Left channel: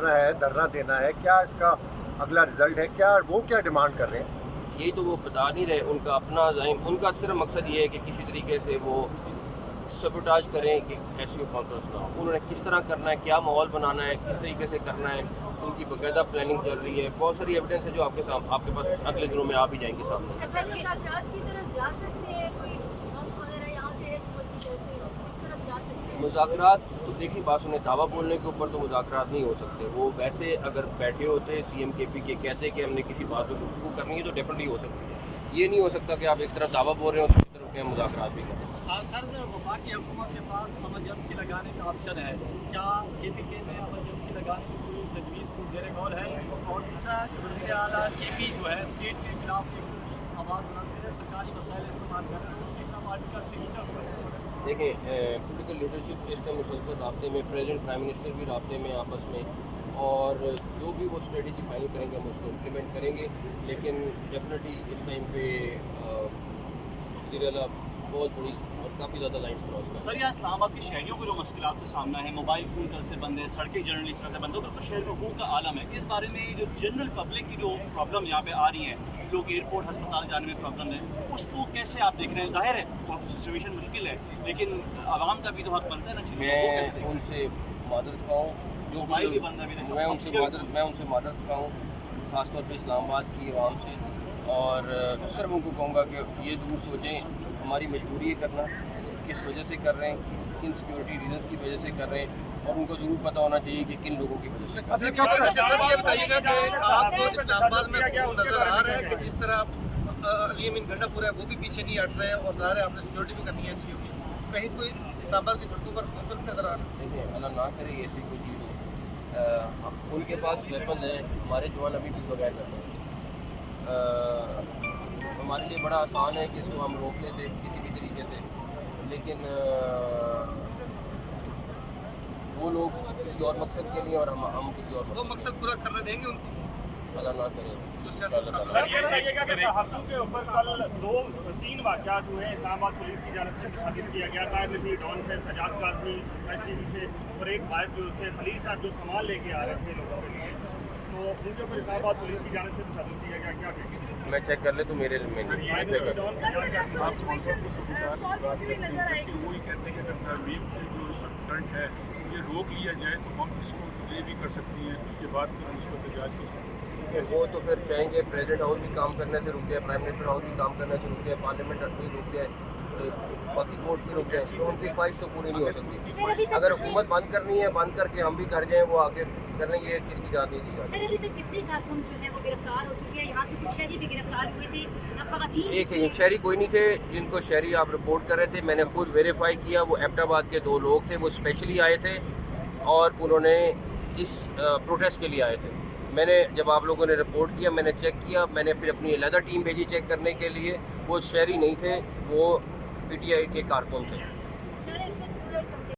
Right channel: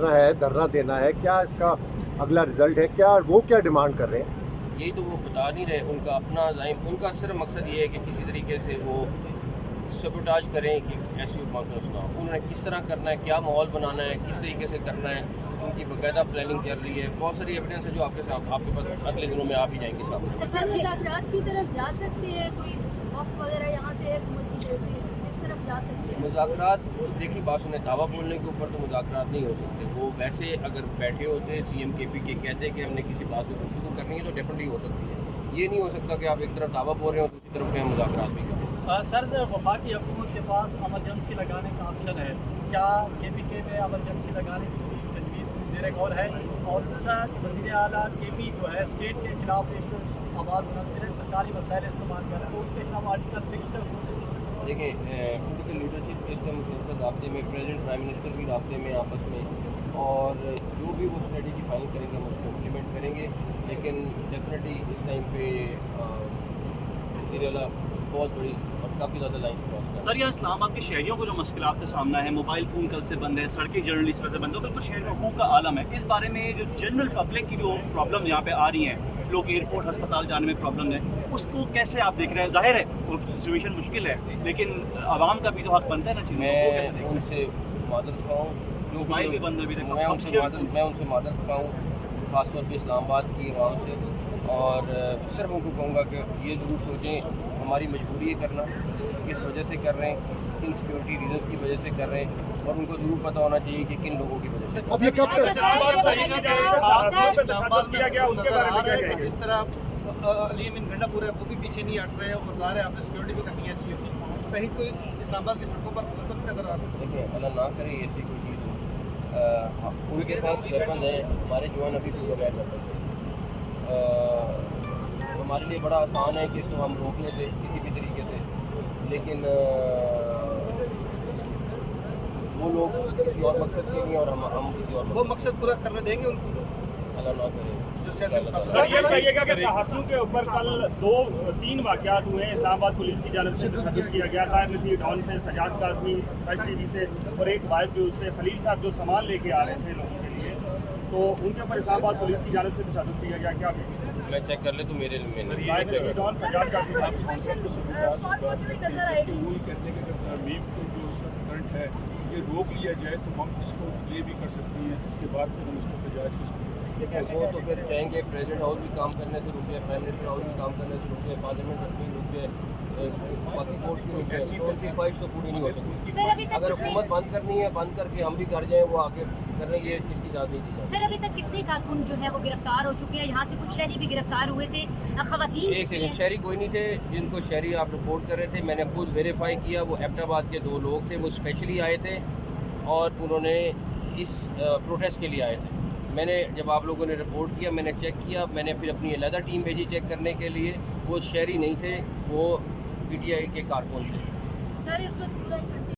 है, धरना देना है, क्या इसका अगला रिजल्ट है, क्या वो क्या डिमांड कर रहे हैं? यही तो वो बता नहीं रहे। उनका अपना ज़ाहिम, उनका सिर्फ मकसद ये है कि किसी तरीके से वो सबोटाज करें कि एसईओ कॉन्फ्रेंस ना हो। उन्होंने किस तरह करना है, क्या माहौल बनाना है, किस तरीके से करना है, उनकी बाकायदा प्लानिंग चल रही है। बहुत सारी एविडेंस है जो आपके पास अगले दिनों में आ भी जाएंगी सामने। सर मुज़ाकरात की तरफ जा सकते हैं, कोई वक्त वगैरह यहाँ से हुकूमत की तरफ से इस तरफ जा सकते हैं? मुज़ाकरात तो देखिए, बात सुने, दावा बोलने के ऊपर तो मुज़ाकरात नहीं हो सकते। वो वैसे अगर बैठे होते CM KP के कहते कि हमने किसी बात पर गुफ्तगू करनी है तो डेफिनेटली हो सकती है। ये नहीं हो सकता कि आप एक तरफ दावा बोल रहे हो दूसरी तरफ के मुज़ाकरात भी करें। सर, वफाकी हुकूमत के पास एमरजेंसी लगाने का ऑप्शन है, क्या KPK में एमरजेंसी लगाने की कोई तजवीज़ की ज़ेर गौर है? और दूसरा, वज़ीर आला KP जो है स्टेट के खिलाफ एक आवाज़ उठाते हैं, सरकारी वसाइल इस्तेमाल करें, तो उनके खिलाफ आर्टिकल 6 का देखें, पॉलिटिकल लीडरशिप इस टाइम मुसलसल राब्ते में, प्रेसिडेंट प्राइम मिनिस्टर भी राब्ते में आपस में, और जो भी वो स्ट्रेटजी फाइनल करेंगे हम उसको इम्प्लीमेंट करेंगे। लेकिन डेफिनेटली इस टाइम पे वज़ीर बहुत बड़ी और काफ़ी ज़्यादा लाइन क्रॉस कर। सर, यहाँ इस्लामाबाद के शहरियों को जो मुश्किलात का सामना है, मोबाइल फ़ोन कल से बंद है, सड़कें जनरली इस तरह से बंद है, बिल्कुल शहर में हूँ का आलम है। इस बारे में जो जनरल पब्लिक की जो प्रॉब्लम यहाँ पे आ रही हैं, लोग एयरपोर्ट अस्पताल जाने में प्रॉब्लम है, उसको कैसे आप देख रहे हैं? जाहिर है सिचुएशन मुश्किल है, लेकिन आवाम का भी तो हक बनता है ना। मैं उनसे मादरत खाऊँ, जो भी बंद है, मैं उनसे मादरत खाऊँ, ख़ासतौर पे इस्लामाबाद की आवाम से। और सिर्फ उनको कहूँगा कि ये ज़रूर सोचें हमारी मजबूरी है करना, किस वजह से कर रहे हैं, किन सिक्योरिटी रीजंस की वजह से कर रहे हैं, और उनको ज़रूर पता होना चाहिए कि किन लोगों की वजह से कर रहे हैं। इस्लामाबाद में नजर आ रहा है कि जिस तरह अली अमीन गंडापुर है वो भी पीछे नहीं हट रहे हैं, और ज़ाहिर है आपने सिक्योरिटी भी करनी है एसईओ की, कहीं कोई इस्लामाबाद की सड़कों पर हुकूमत नजर आ रहा है? देखें, अल्लाह ना करे ऐसी कोई चीज़ हो। उनके पास वेपन हैं, हमारे जवान अभी भी बगैर वेपन से। हमारे लिए बड़ा आसान है कि इसको हम रोक लेते किसी भी तरीके से, लेकिन वो लोग किसी और मकसद के लिए और हम किसी और वो मकसद पूरा करने देंगे उनको? अल्लाह ना करे। जो सियासत सर, ये बताइएगा कि सहाफ़ियों के ऊपर कल 2-3 वाक़यात हुए हैं। इस्लामाबाद पुलिस की जानिब से तशद्दुद किया गया, नायब नसीर डॉन से, सजाद काज़मी STD से, और एक वाइस जो उससे खलील साहब जो सामान लेके आ रहे थे लोगों के लिए, तो उनके ऊपर इस्लामाबाद पुलिस की जानिब से तशद्दुद किया गया। क्या कहेंगे? मैं चेक कर ले तो मेरे में नहीं, मैं चेक कर डॉन सजाद काज़मी आप स्पॉन्सर को नजर आएगी। तो वही कहते हैं कि अगर तरमीम की जो इस वक्त करंट है ये रोक लिया जाए तो हम इसको ये भी कर सकती हैं, उसके बाद फिर हम इसको तजाज कर सकते हैं। लेकिन वो तो फिर चाहेंगे प्रेसिडेंट हाउस भी काम करने से रुक जाए, प्राइम मिनिस्टर हाउस भी काम करने से रुक जाए, पार्लियामेंट भी रुक जाए, बाकी कोर्ट भी रुक जाए, तो उनकी ख्वाहिश तो पूरी नहीं हो सकती। अगर हुकूमत बंद करनी है, बंद करके हम भी कर जाएँ, वो आके करने की किसकी इजाज़त नहीं दी जाती। सर, अभी तक कितने कारकुन जो है वो गिरफ्तार हो चुके हैं? यहाँ से कुछ शहरी भी गिरफ्तार हुए थे, खवातीन। एक सेकंड, शहरी कोई नहीं थे जिनको शहरी आप रिपोर्ट कर रहे थे, मैंने खुद वेरीफाई किया। वो एबटाबाद के 2 लोग थे, वो स्पेशली आए थे और उन्होंने इस प्रोटेस्ट के लिए आए थे। मैंने जब आप लोगों ने रिपोर्ट किया, मैंने चेक किया, मैंने फिर अपनी अलहदा टीम भेजी चेक करने के लिए। वो शहरी नहीं थे, वो PTI के कारकुन थे। सर, इस वक्त